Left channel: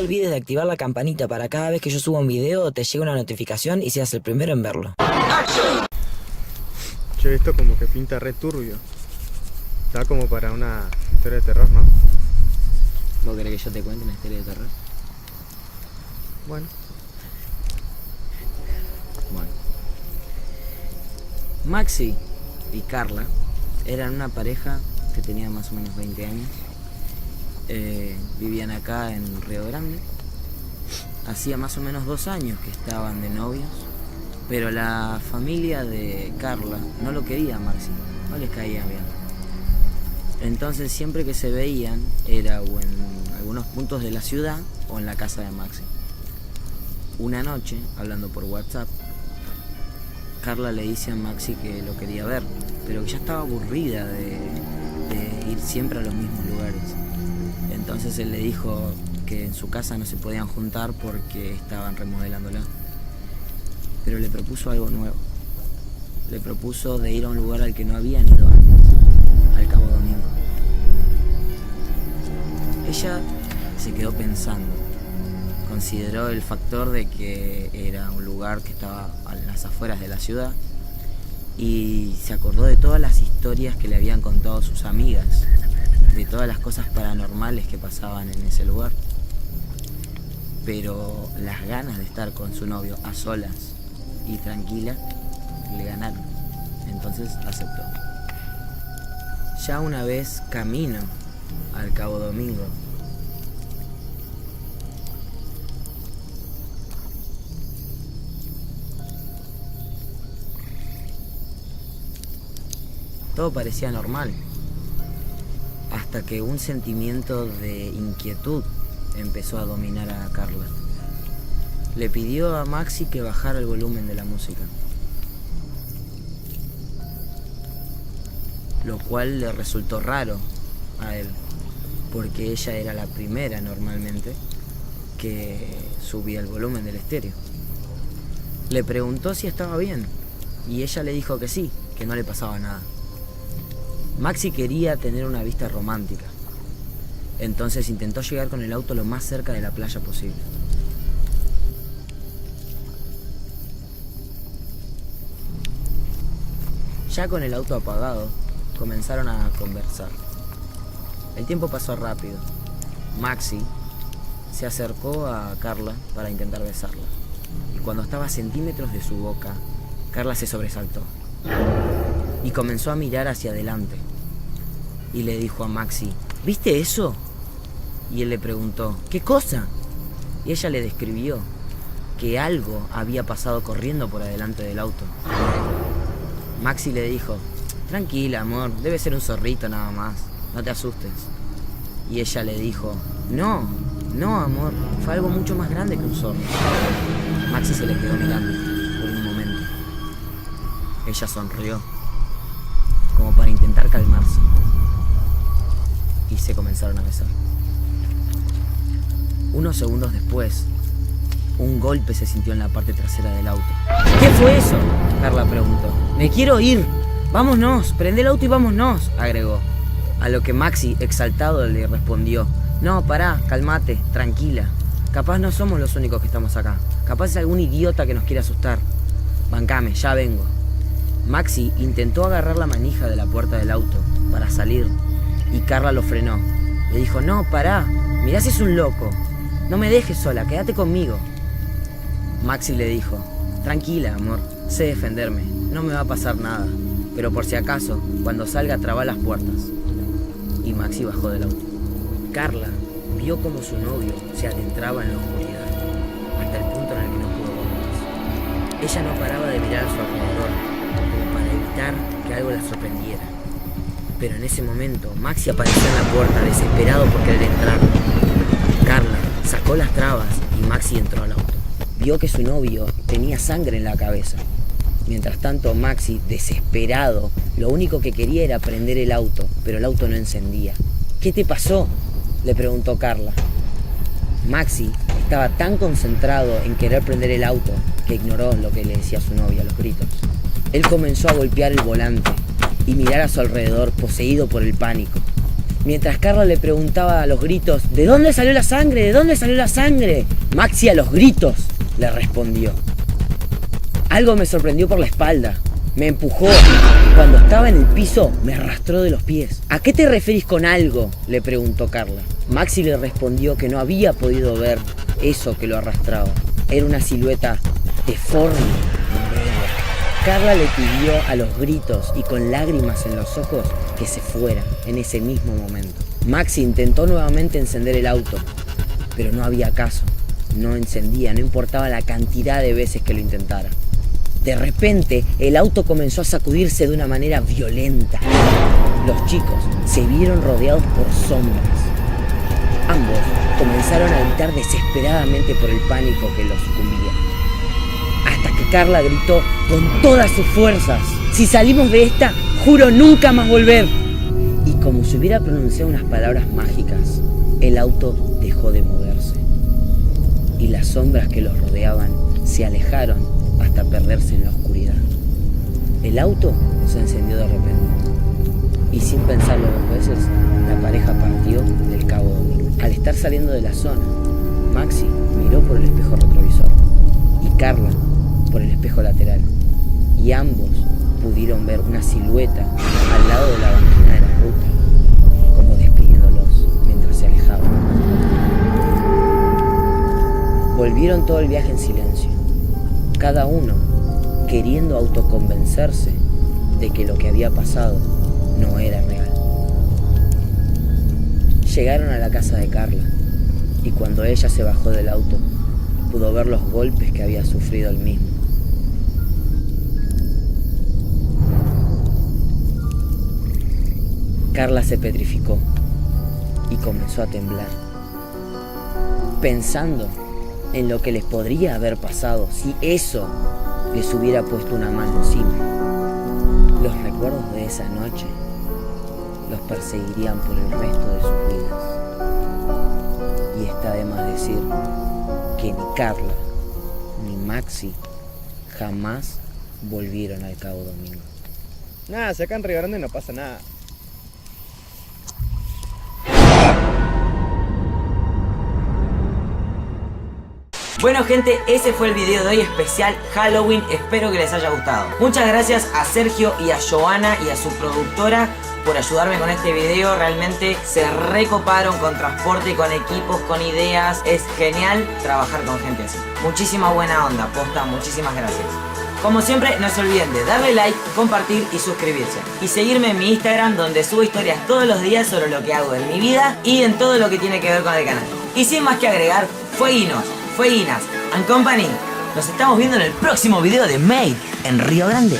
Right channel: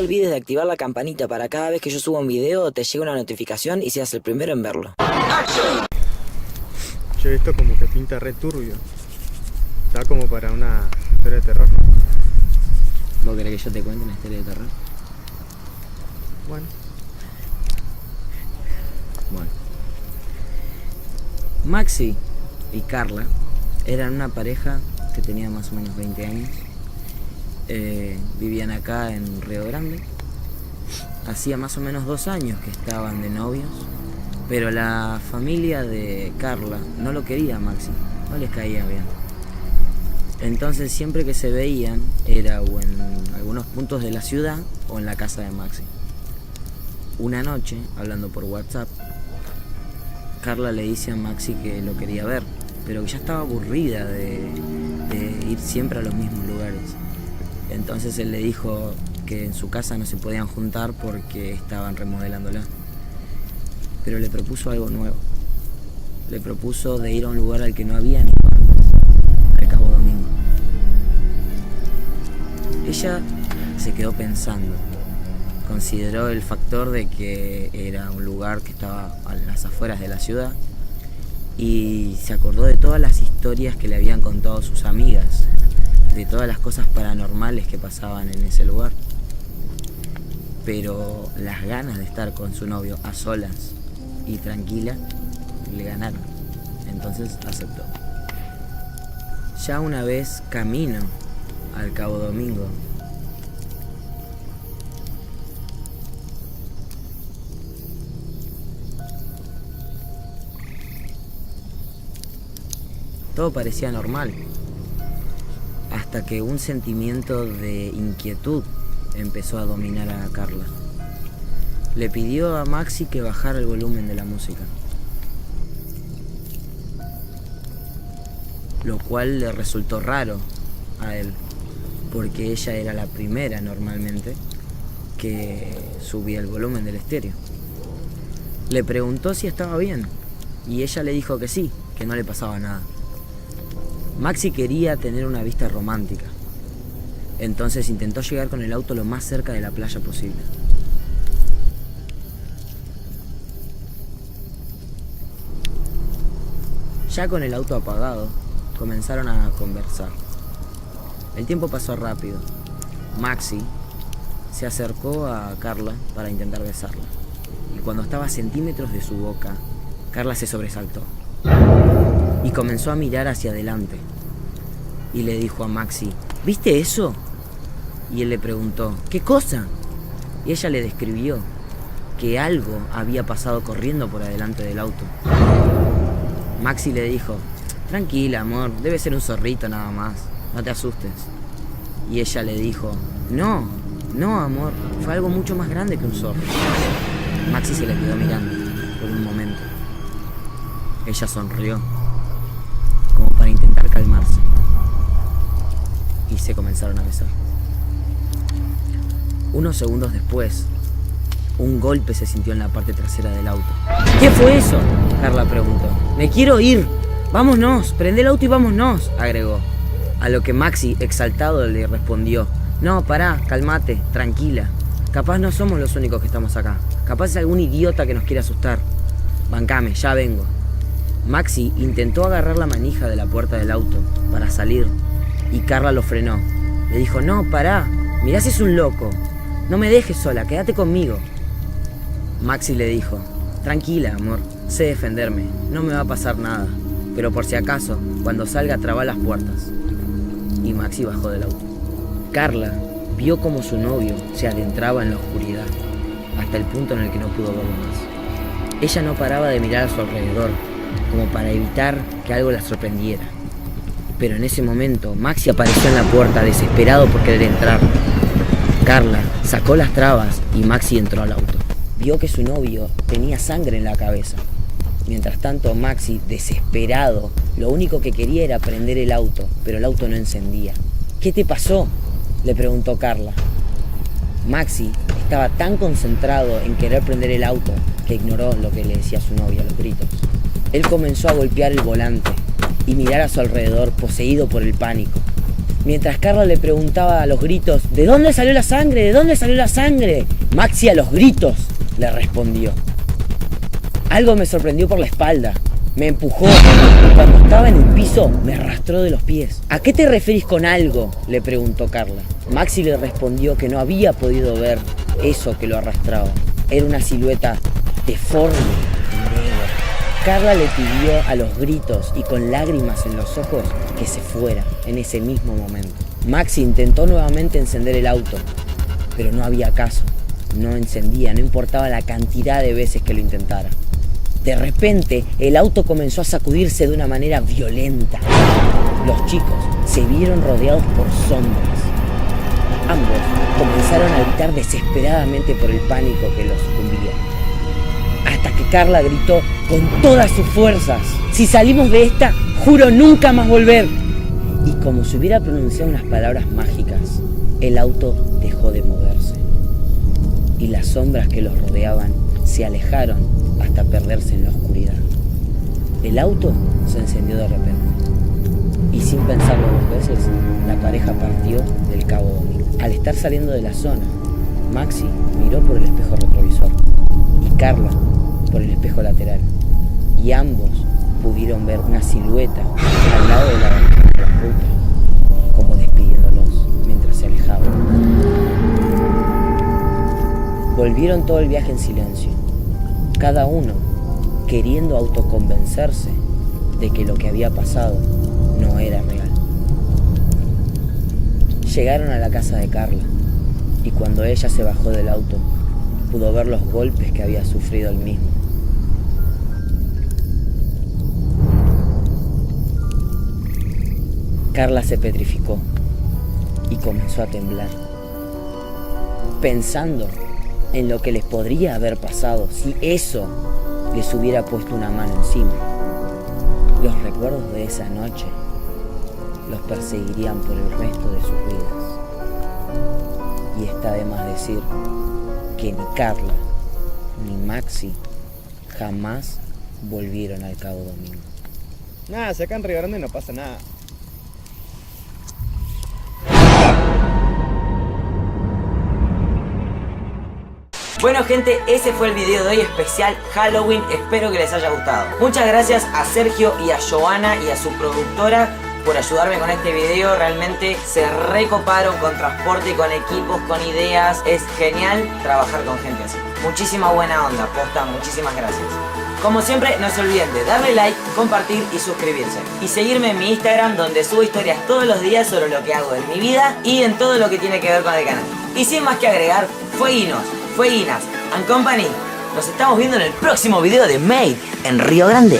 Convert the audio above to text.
te olvides de activar la campanita para cada vez que yo suba un video te llegue una notificación y seas el primero en verlo. Che, esto como que pinta re turbio. Está como para una historia de terror, ¿no? ¿Vos querés que yo te cuente una historia de terror? Bueno. Maxi y Carla eran una pareja que tenía más o menos 20 años. Vivían acá en Río Grande. Hacía más o menos 2 años que estaban de novios, pero la familia de Carla no lo quería a Maxi, no les caía bien. Entonces siempre que se veían era o en algunos puntos de la ciudad o en la casa de Maxi. Una noche, hablando por WhatsApp, Carla le dice a Maxi que lo quería ver, pero que ya estaba aburrida de ir siempre a los mismos lugares. Entonces él le dijo que en su casa no se podían juntar porque estaban remodelándola. Pero le propuso algo nuevo. Le propuso de ir a un lugar al que no habían ido antes, al Cabo Domingo. Ella se quedó pensando. Consideró el factor de que era un lugar que estaba a las afueras de la ciudad y se acordó de todas las historias que le habían contado sus amigas, de todas las cosas paranormales que pasaban en ese lugar. Pero las ganas de estar con su novio a solas y tranquila le ganaron. Entonces aceptó. Ya una vez camino al Cabo Domingo, todo parecía normal, hasta que un sentimiento de inquietud empezó a dominar a Carla. Le pidió a Maxi que bajara el volumen de la música, lo cual le resultó raro a él, porque ella era la primera normalmente que subía el volumen del estéreo. Le preguntó si estaba bien y ella le dijo que sí, que no le pasaba nada. Maxi quería tener una vista romántica, entonces intentó llegar con el auto lo más cerca de la playa posible. Ya con el auto apagado, comenzaron a conversar. El tiempo pasó rápido. Maxi se acercó a Carla para intentar besarla, y cuando estaba a centímetros de su boca, Carla se sobresaltó y comenzó a mirar hacia adelante. Y le dijo a Maxi, ¿viste eso? Y él le preguntó, ¿qué cosa? Y ella le describió que algo había pasado corriendo por adelante del auto. Maxi le dijo, tranquila, amor, debe ser un zorrito nada más, no te asustes. Y ella le dijo, no, amor, fue algo mucho más grande que un zorro. Maxi se le quedó mirando por un momento. Ella sonrió, como para intentar calmarse, y se comenzaron a besar. Unos segundos después, un golpe se sintió en la parte trasera del auto. ¿Qué fue eso?, Carla preguntó. Me quiero ir. Vámonos, prende el auto y vámonos, agregó. A lo que Maxi, exaltado, le respondió, no, pará, calmate, tranquila. Capaz no somos los únicos que estamos acá. Capaz es algún idiota que nos quiere asustar. Bancame, ya vengo. Maxi intentó agarrar la manija de la puerta del auto para salir y Carla lo frenó. Le dijo, no, pará, mirá si es un loco. No me dejes sola, quédate conmigo. Maxi le dijo, tranquila, amor, sé defenderme, no me va a pasar nada. Pero por si acaso, cuando salga traba las puertas. Y Maxi bajó del auto. Carla vio como su novio se adentraba en la oscuridad, hasta el punto en el que no pudo ver más. Ella no paraba de mirar a su alrededor, como para evitar que algo la sorprendiera. Pero en ese momento, Maxi apareció en la puerta, desesperado por querer entrar. Carla sacó las trabas y Maxi entró al auto. Vio que su novio tenía sangre en la cabeza. Mientras tanto, Maxi, desesperado, lo único que quería era prender el auto, pero el auto no encendía. ¿Qué te pasó?, le preguntó Carla. Maxi estaba tan concentrado en querer prender el auto que ignoró lo que le decía su novia, los gritos. Él comenzó a golpear el volante y mirar a su alrededor, poseído por el pánico. Mientras Carla le preguntaba a los gritos, ¿de dónde salió la sangre? ¿De dónde salió la sangre? Maxi a los gritos le respondió. Algo me sorprendió por la espalda. Me empujó y cuando estaba en el piso me arrastró de los pies. ¿A qué te referís con algo?, le preguntó Carla. Maxi le respondió que no había podido ver eso que lo arrastraba. Era una silueta deforme y negra. Carla le pidió a los gritos y con lágrimas en los ojos que se fuera en ese mismo momento. Maxi intentó nuevamente encender el auto, pero no había caso. No encendía, no importaba la cantidad de veces que lo intentara. De repente, el auto comenzó a sacudirse de una manera violenta. Los chicos se vieron rodeados por sombras. Ambos comenzaron a gritar desesperadamente por el pánico que los sucumbía. Hasta que Carla gritó con todas sus fuerzas: si salimos de esta, juro nunca más volver. Y como si hubiera pronunciado unas palabras mágicas, el auto dejó de moverse. Y las sombras que los rodeaban se alejaron hasta perderse en la oscuridad. El auto se encendió de repente. Y sin pensarlo dos veces, la pareja partió del Cabo Domingo. Al estar saliendo de la zona, Maxi miró por el espejo retrovisor y Carla por el espejo lateral. Y ambos pudieron ver una silueta al lado de la banquina de la ruta, como despidiéndolos mientras se alejaban. Volvieron todo el viaje en silencio, cada uno queriendo autoconvencerse de que lo que había pasado no era real. Llegaron a la casa de Carla y cuando ella se bajó del auto, pudo ver los golpes que había sufrido el mismo. Carla se petrificó y comenzó a temblar, pensando en lo que les podría haber pasado si eso les hubiera puesto una mano encima. Los recuerdos de esa noche los perseguirían por el resto de sus vidas. Y está de más decir que ni Carla ni Maxi jamás volvieron al Cabo Domingo. Nada, si acá en Río Grande no pasa nada. Bueno gente, ese fue el video de hoy especial Halloween, espero que les haya gustado. Muchas gracias a Sergio y a Joana y a su productora por ayudarme con este video. Realmente se recoparon con transporte, con equipos, con ideas. Es genial trabajar con gente así. Muchísima buena onda, posta, muchísimas gracias. Como siempre, no se olviden de darle like, compartir y suscribirse. Y seguirme en mi Instagram, donde subo historias todos los días sobre lo que hago en mi vida y en todo lo que tiene que ver con el canal. Y sin más que agregar, fueguinos, fueguinas and company. Nos estamos viendo en el próximo video de Made en Río Grande.